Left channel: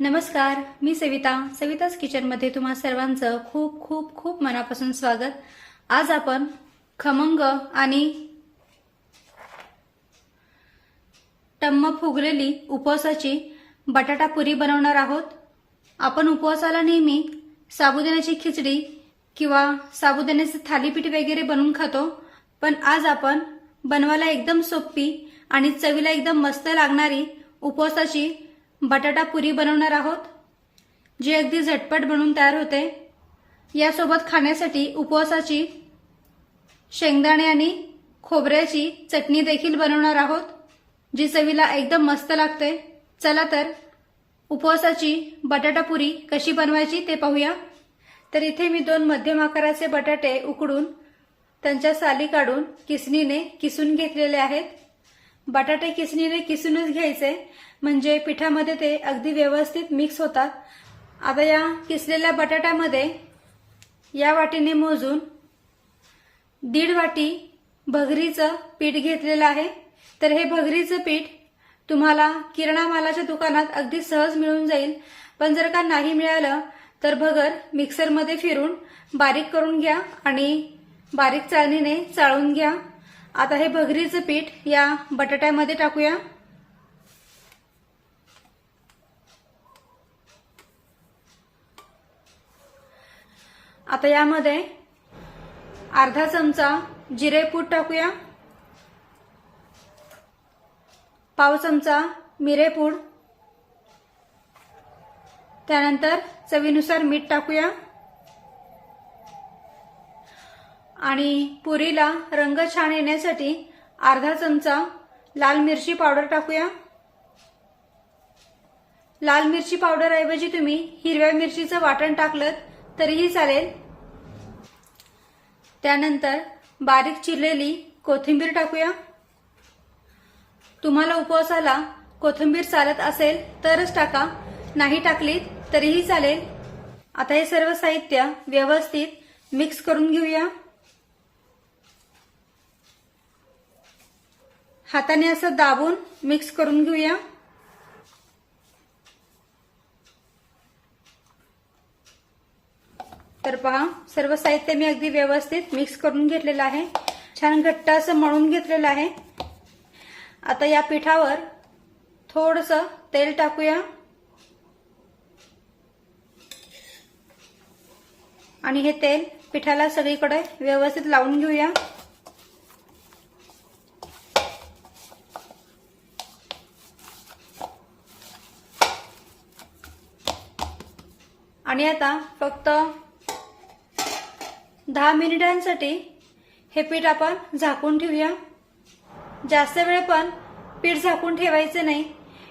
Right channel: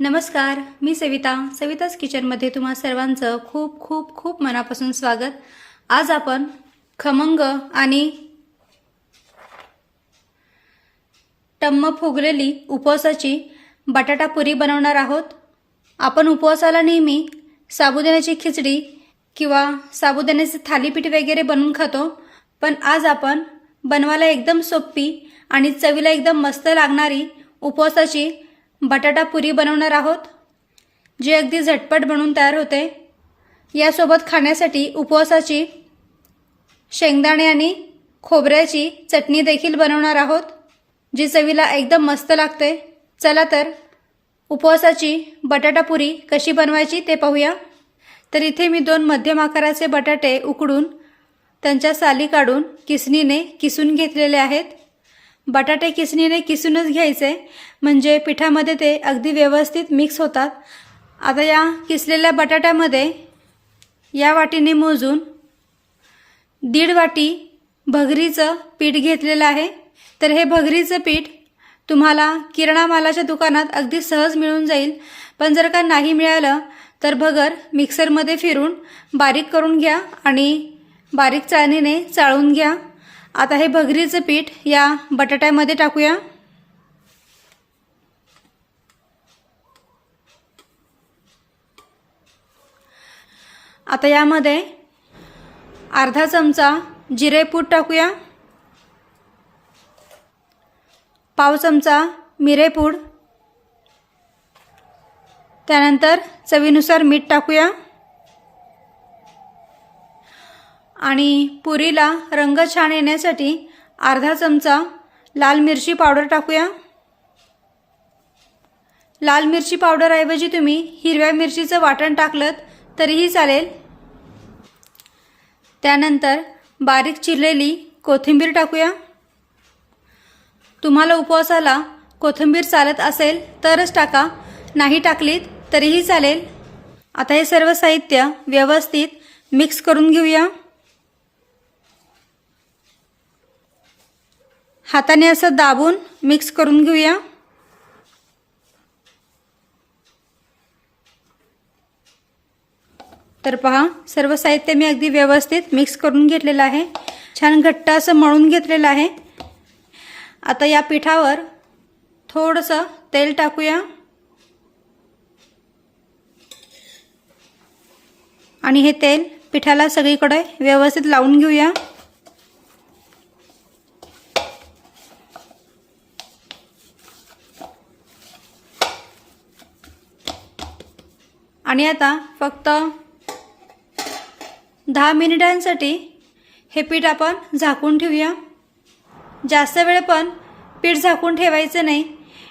नमस्कार मी सविता. सविताच किचनमध्ये तुम्हा सर्वांचं खूप खूप खूप मनापासून स्वागत. आज आपण खमंग आणि टम्म फुगलेली उपवासाची बटाटा पुरी बनवणार आहोत. आपण उपवासाला नेहमी साबुदाण्याची खिचडी किंवा साबुदाण्याचे थालीपीठ वगैरे बनवून खातो. पण आज आपण बनवायला एकदम सोपी आणि चवीला एकदम मस्त लागणारी उपवासाची बटाटा पुरी बनवणार आहोत जी अगदी झटपट बनवून तयार होते. यासोबत खाण्यासाठी उपवासाची शेंगदाणे आणि खोबऱ्याची चटणी देखील बनवणार आहोत जी चवीला एकदम मस्त लागते. चला तर उपवासाची बटाटा पुरी कशी बनवायची ते पाहूया. तर इथे मी दोन मध्यम आकाराचे बटाटे उकडून त्यांच्या साली काढून किसणीने किसून घेतलेले आहेत. बटाटे किसणीने किसूनच घ्यायचे. म्हणजे पिठामध्ये ते अगदी व्यवस्थित मिक्स होतात. आता या किसलेल्या बटाट्यामध्ये या वाटीने मोजून दीड वाटी भगरीचं पीठ घेतलेलं आहे. तर हे भगरीचं पीठ तुम्हाला किराणा मालाच्या दुकानात अगदी सहज मिळून जाईल. पण जर का नाही मिळालं तर भगर मिक्सरमध्ये फिरून बारीक करून घ्या आणि बारीक चाळणीने चाळून घ्या. आता हे भगरीचं पीठ या बटाट्यामध्ये टाकूया. आता यामध्ये अर्धा चमचा जिरेपूड टाकूया. पाव चमचा मिरेपूड त्यानंतर चवीनुसार मीठ टाकूया. आणि पुरीला रंग छान येण्यासाठी अर्धा चमचा लाल मिरची पावडर टाकूया. लाल मिरची पावडरऐवजी तुम्ही हिरव्या मिरचीचं वाटण टाकलं तरीही चालेल. त्यानंतर बारीक चिरलेली कोथिंबीर टाकूया. तुम्हाला उपवासाला कोथिंबीर चालत असेल तरच टाका नाही टाकलीत तरीही चालेल. आता हे सर्व साहित्य व्यवस्थित मिक्स करून घेऊया. हाताने असं दाबून मिक्स करून घेऊया. तर पहा सर्व साहित्य मी अगदी व्यवस्थित मिक्स करून घेतलेलं आहे. छान घट्ट असं मळून घेतलेलं आहे. आता या पिठावर थोडंसं तेल टाकूया. आणि हे तेल पिठाला सगळीकडे व्यवस्थित लावून घेऊया. आणि आता फक्त दहा मिनिटांसाठी हे पीठ आपण झाकून ठेवूया. जास्त वेळ पण पीठ झाकून ठेवायचं नाही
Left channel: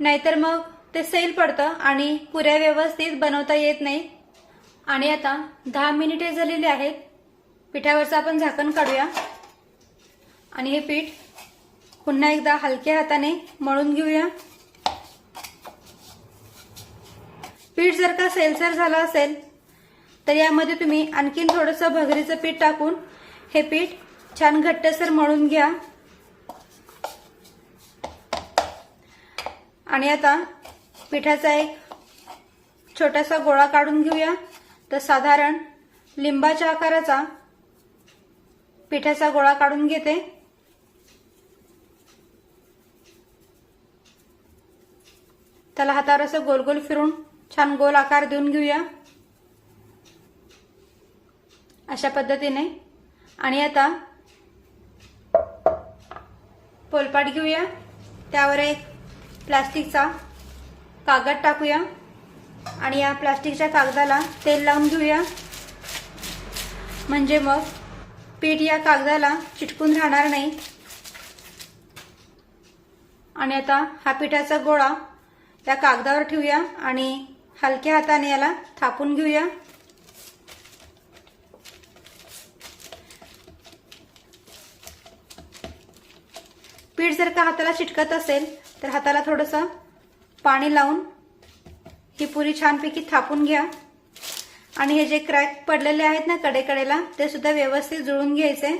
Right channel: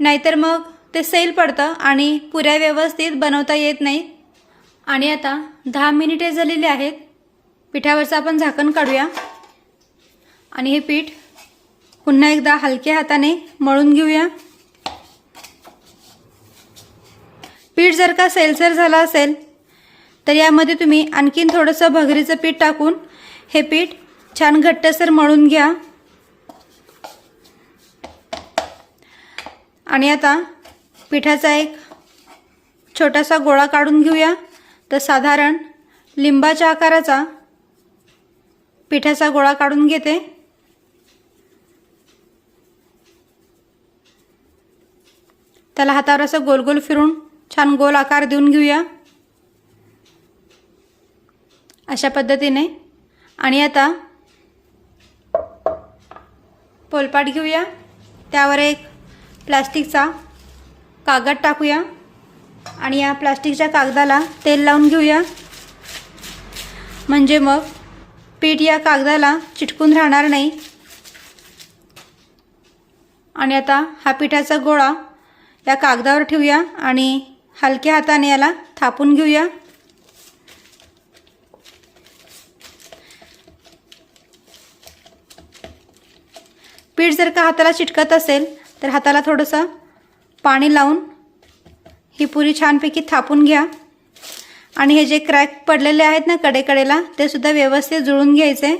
नाहीतर मग ते सैल पडतं आणि पुऱ्या व्यवस्थित बनवता येत नाही. आणि आता दहा मिनिटे झालेली आहेत. पिठावरचं आपण झाकण काढूया. आणि हे पीठ पुन्हा एकदा हलक्या हाताने मळून घेऊया. पीठ जर का सैलसर झालं असेल तर यामध्ये तुम्ही आणखीन थोडंसं भगरीचं पीठ टाकून हे पीठ छान घट्टसर मळून घ्या. आणि आता पिठाचा एक छोटासा गोळा काढून घेऊया. तर साधारण लिंबाच्या आकाराचा पिठाचा गोळा काढून घेते. त्याला हातावर असं गोल गोल फिरून छान गोल आकार देऊन घेऊया. अशा पद्धतीने. आणि आता पोलपाट घेऊया. त्यावर एक प्लास्टिकचा कागद टाकूया. आणि या प्लास्टिकच्या कागदाला तेल लावून घेऊया. म्हणजे मग पीठ या कागदाला चिटकून राहणार नाही. आणि आता हा पिठाचा गोळा या कागदावर ठेवूया. आणि हलक्या हाताने याला थापून घेऊया. पीठ जर का हाताला चिटकत असेल तर हाताला थोडंसं पाणी लावून ही पुरी छानपैकी थापून घ्या. आणि हे जे क्रॅक पडलेले आहेत ना कडेकडेला ते सुद्धा व्यवस्थित जुळून घ्यायचे.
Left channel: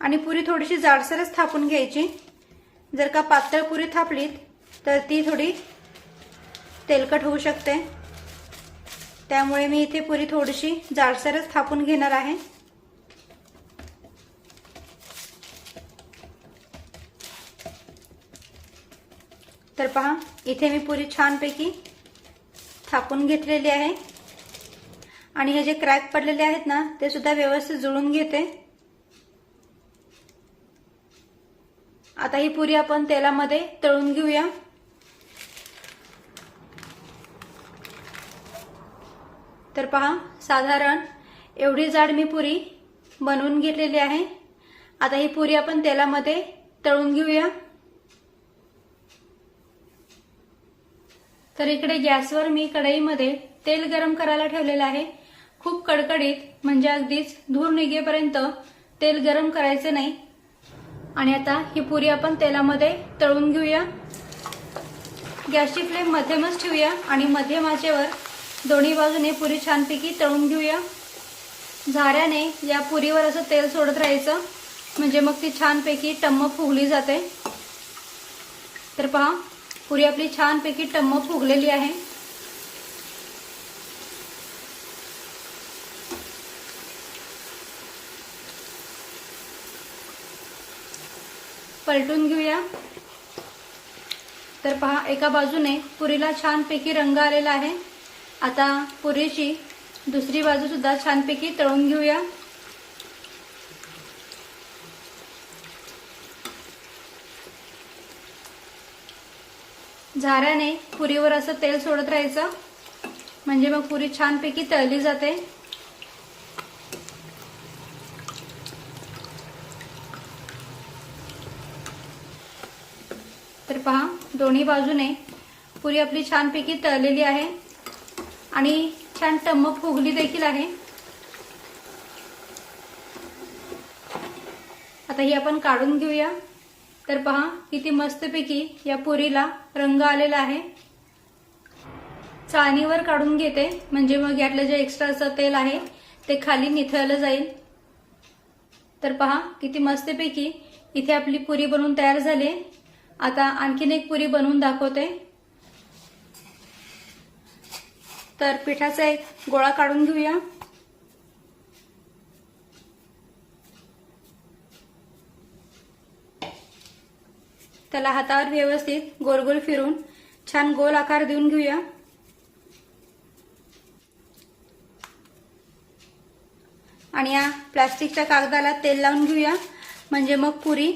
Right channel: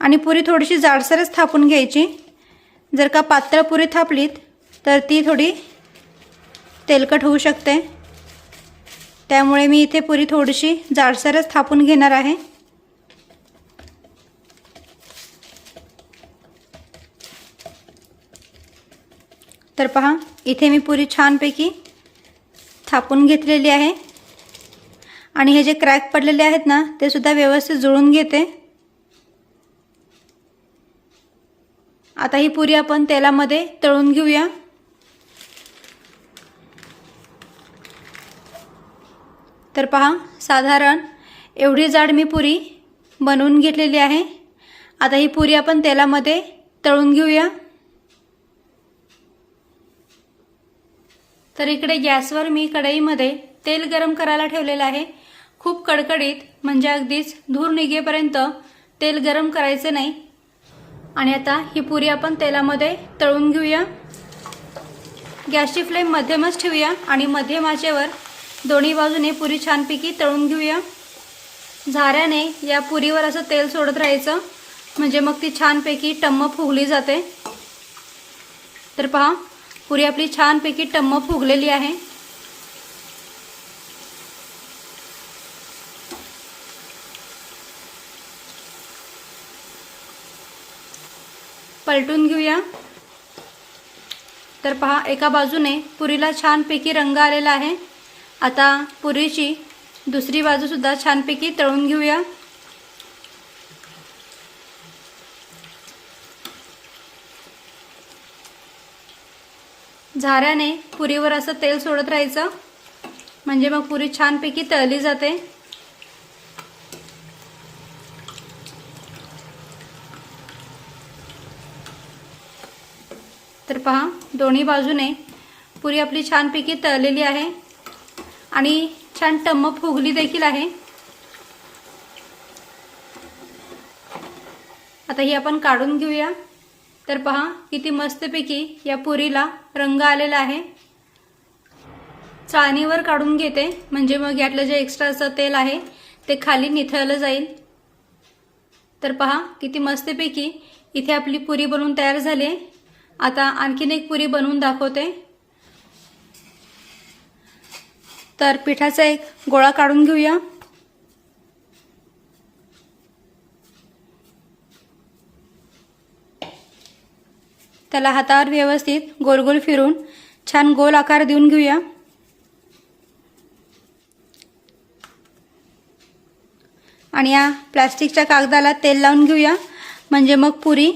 आणि पुरी थोडीशी जाडसरच थापून घ्यायची. जर का पातळ पुरी थापलीत तर ती थोडी तेलकट होऊ शकते. त्यामुळे मी इथे पुरी थोडीशी जाडसरच थापून घेणार आहे. तर पहा इथे मी पुरी छानपैकी थापून घेतलेली आहे. आणि हे जे क्रॅक पडलेले आहेत ना ते सुद्धा व्यवस्थित जुळून घेते. आता ही पुरी आपण तेलामध्ये तळून घेऊया. तर पहा साधारण एवढी जाड मी पुरी बनवून घेतलेली आहे. आता ही पुरी आपण तेलामध्ये तळून घेऊया. तर इकडे गॅसवर मी कढईमध्ये तेल गरम करायला ठेवलेलं आहे. खूप कडकडीत म्हणजे अगदीच धूर निघेपर्यंत तेल गरम करायचे नाही. आणि आता ही पुरी आपण तेलामध्ये तळून घेऊया. गॅसची फ्लेम मध्यमच ठेवूया आणि मध्यम आचेवर दोन्ही बाजूने पुरी छानपैकी तळून घेऊया. झाऱ्याने या पुरीवर असं तेल सोडत राहायचं. म्हणजे मग ती छानपैकी टम्म फुगली जाते. तर पहा पुरी आपली छानपैकी टम्म फुगलेली आहे. पलटून घेऊया. तर पहा एका बाजूने पुरीला छानपैकी रंग आलेला आहे. आता पुरीची दुसरी बाजू सुद्धा छानपैकी तळून घेऊया. झाऱ्याने पुरीवर असं तेल सोडत राहायचं. म्हणजे मग पुरी छानपैकी तळली जाते तर पहा दोन्ही बाजूने पुरी आपली छानपैकी तळलेली आहे. आणि छान टम्म फुगली देखील आहे. आता ही आपण काढून घेऊया. तर पहा किती मस्तपैकी या पुरीला रंग आलेला आहे. चाळणीवर काढून घेते. म्हणजे मग यातलं जे एक्स्ट्राचं तेल आहे ते खाली निथळलं जाईल. तर पहा किती मस्तपैकी इथे आपली पुरी बनवून तयार झाली. आता आणखीन एक पुरी बनवून दाखवते. तर पिठाचा एक गोळा काढून घेऊया. त्याला हातावर व्यवस्थित गोल गोल फिरून छान गोल आकार देऊन घेऊया. आणि या प्लास्टिकच्या कागदाला तेल लावून घेऊया. म्हणजे मग पुरी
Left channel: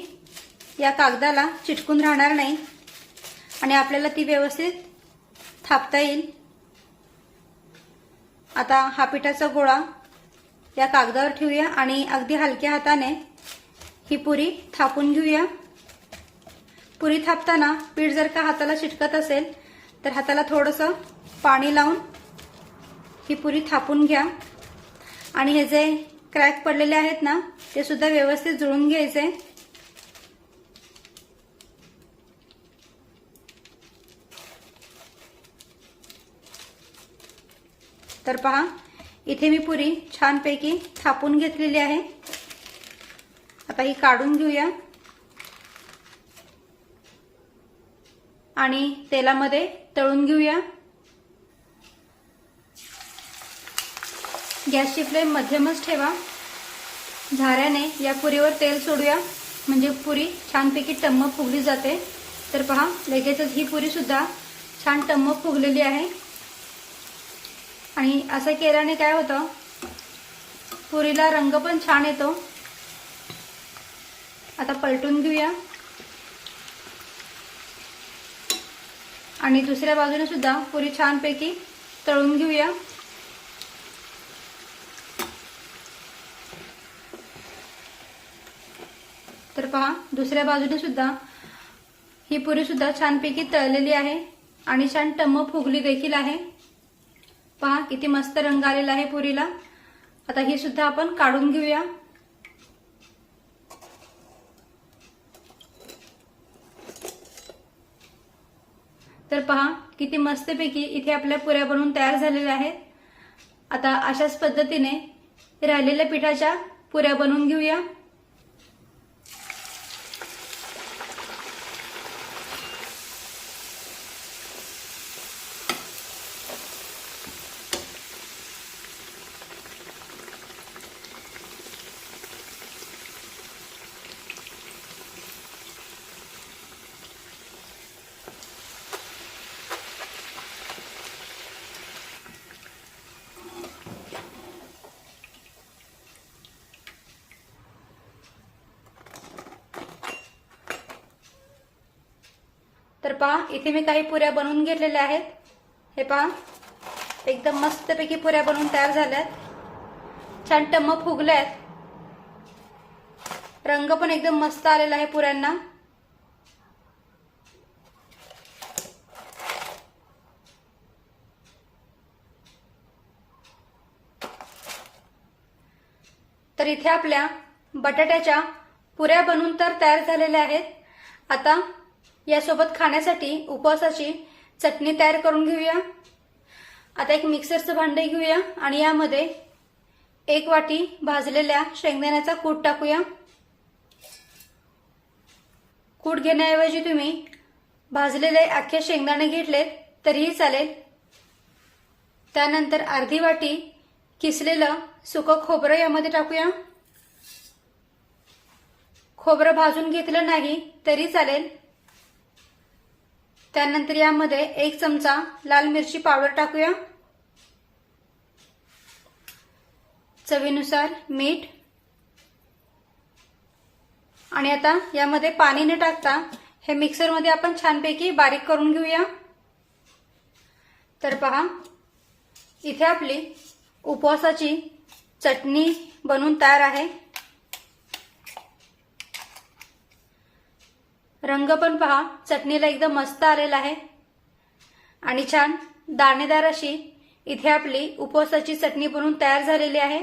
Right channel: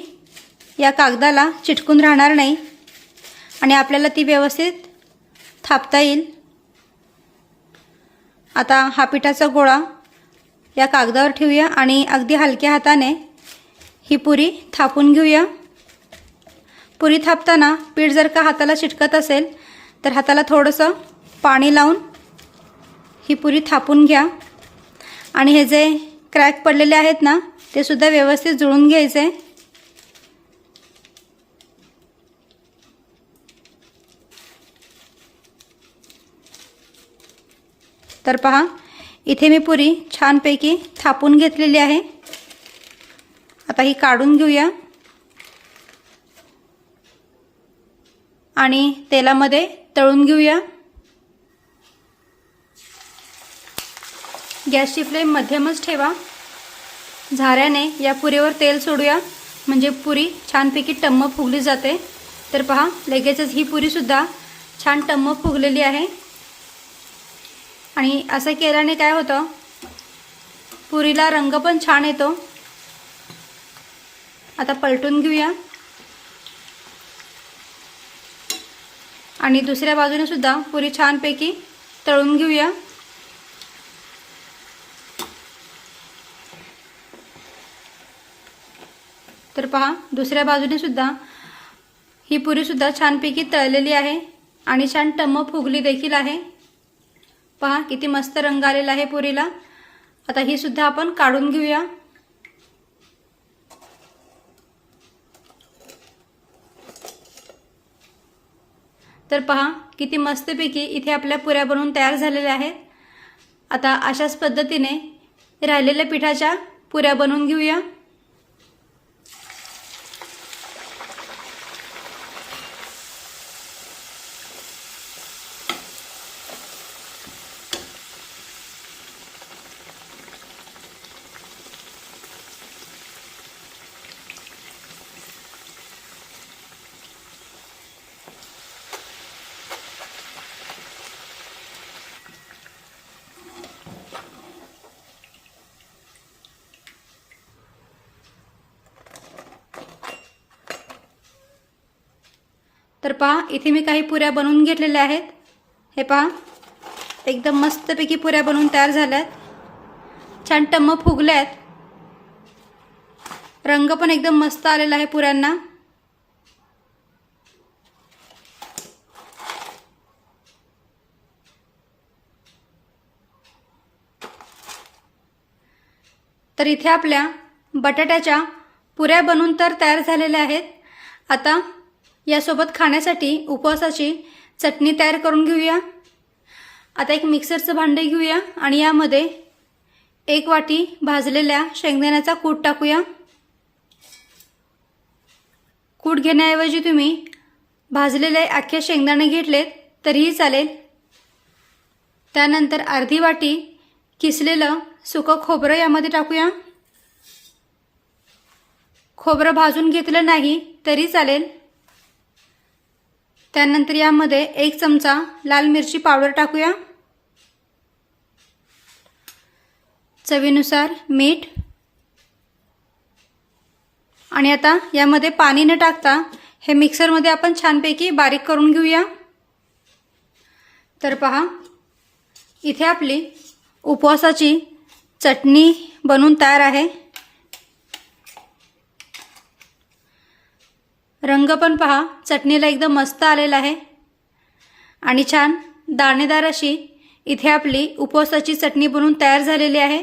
या कागदाला चिटकून राहणार नाही. आणि आपल्याला ती व्यवस्थित थापता येईल. आता हा पिठाचा गोळा या कागदावर ठेवूया आणि अगदी हलक्या हाताने ही पुरी थापून घेऊया. पुरी थापताना पीठ जर का हाताला चिटकत असेल तर हाताला थोडंसं पाणी लावून ही पुरी थापून घ्या. आणि हे जे क्रॅक पडलेले आहेत ना ते सुद्धा व्यवस्थित जुळून घ्यायचे. तर पहा इथे मी पुरी छानपैकी थापून घेतलेली आहे. आता ही काढून घेऊया. आणि तेलामध्ये तळून घेऊया. गॅसची फ्लेम मध्यमच ठेवा. झाऱ्याने या पुरीवर तेल सोडूया. म्हणजे पुरी छानपैकी टम्म फुगली जाते. तर पहा लगेचच ही पुरी सुद्धा छान टम्म फुगलेली आहे. आणि असं केल्याने काय होतं? पुरीला रंग पण छान येतो. आता पलटून घेऊया. आणि दुसऱ्या बाजूने सुद्धा पुरी छानपैकी तळून घेऊया. तर पहा दुसऱ्या बाजूने सुद्धा ही पुरी सुद्धा छानपैकी तळलेली आहे आणि छान टम्म फुगली देखील आहे. पहा किती मस्त रंग आलेला आहे पुरीला. आता ही सुद्धा आपण काढून घेऊया. तर पहा किती मस्तपैकी इथे आपल्या पुऱ्या बनवून तयार झालेल्या आहेत. आता अशाच पद्धतीने राहिलेल्या पिठाच्या पुऱ्या बनवून घेऊया. तर पहा इथे मी काही पुऱ्या बनवून घेतलेल्या आहेत. हे पहा एकदम मस्तपैकी पुऱ्या बनवून तयार झाल्यात. छान टम्म फुगल्यात. रंग पण एकदम मस्त आलेला आहे पुऱ्यांना. तर इथे आपल्या बटाट्याच्या पुऱ्या बनवून तर तयार झालेल्या आहेत. आता यासोबत खाण्यासाठी उपवासाची चटणी तयार करून घेऊया. आता एक मिक्सरचं भांडे घेऊया आणि यामध्ये एक वाटी भाजलेल्या शेंगदाण्याचा कूट टाकूया. कूट घेण्याऐवजी तुम्ही भाजलेले अख्खे शेंगदाणे घेतलेत तरीही चालेल. त्यानंतर अर्धी वाटी किसलेलं सुकं खोबरं यामध्ये टाकूया. खोबरं भाजून घेतलं नाही तरी चालेल. त्यानंतर यामध्ये एक चमचा लाल मिरची पावडर टाकूया. चवीनुसार मीठ. आणि आता यामध्ये पाणी न टाकता हे मिक्सरमध्ये आपण छानपैकी बारीक करून घेऊया. तर पहा इथे आपली उपवासाची चटणी बनवून तयार आहे. रंग पण पहा. चटणीला एकदम मस्त आलेला आहे. आणि छान दाणेदार अशी इथे आपली उपवासाची चटणी बनवून तयार झालेली आहे.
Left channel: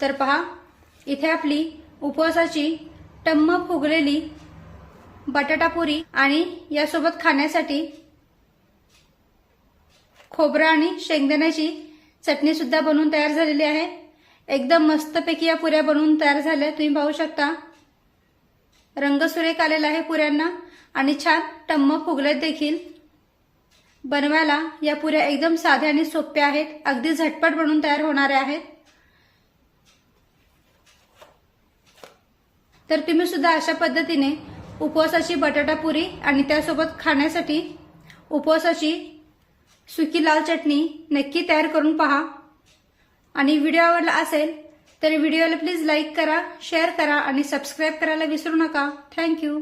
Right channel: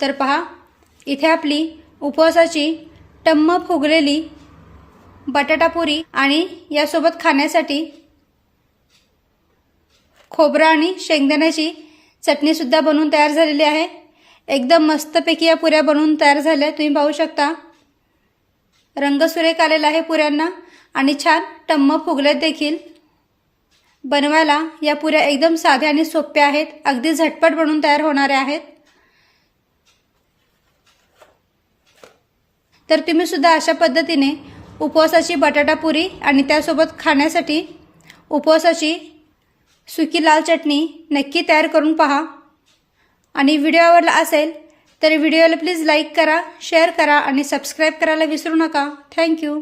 तर पहा इथे आपली उपवासाची टम्म फुगलेली बटाटापुरी आणि यासोबत खाण्यासाठी खोबरा आणि शेंगदाण्याची चटणीसुद्धा बनवून तयार झालेली आहे. एकदम मस्तपैकी या पुऱ्या बनवून तयार झाल्या. तुम्ही पाहू शकता. रंग सुरेख आलेला आहे पुऱ्यांना आणि छान टम्म फुगलेत देखील. बनवायला या पुऱ्या एकदम साध्या आणि सोप्या आहेत. अगदी झटपट बनवून तयार होणाऱ्या आहेत. तर तुम्ही सुद्धा अशा पद्धतीने उपवासाची बटाटा पुरी आणि त्यासोबत खाण्यासाठी उपवासाची सुकी लाल चटणी नक्की तयार करून पहा. आणि व्हिडिओ आवडला असेल तर व्हिडिओला प्लीज लाईक करा शेअर करा आणि सबस्क्राईब करायला विसरू नका. थँक्यू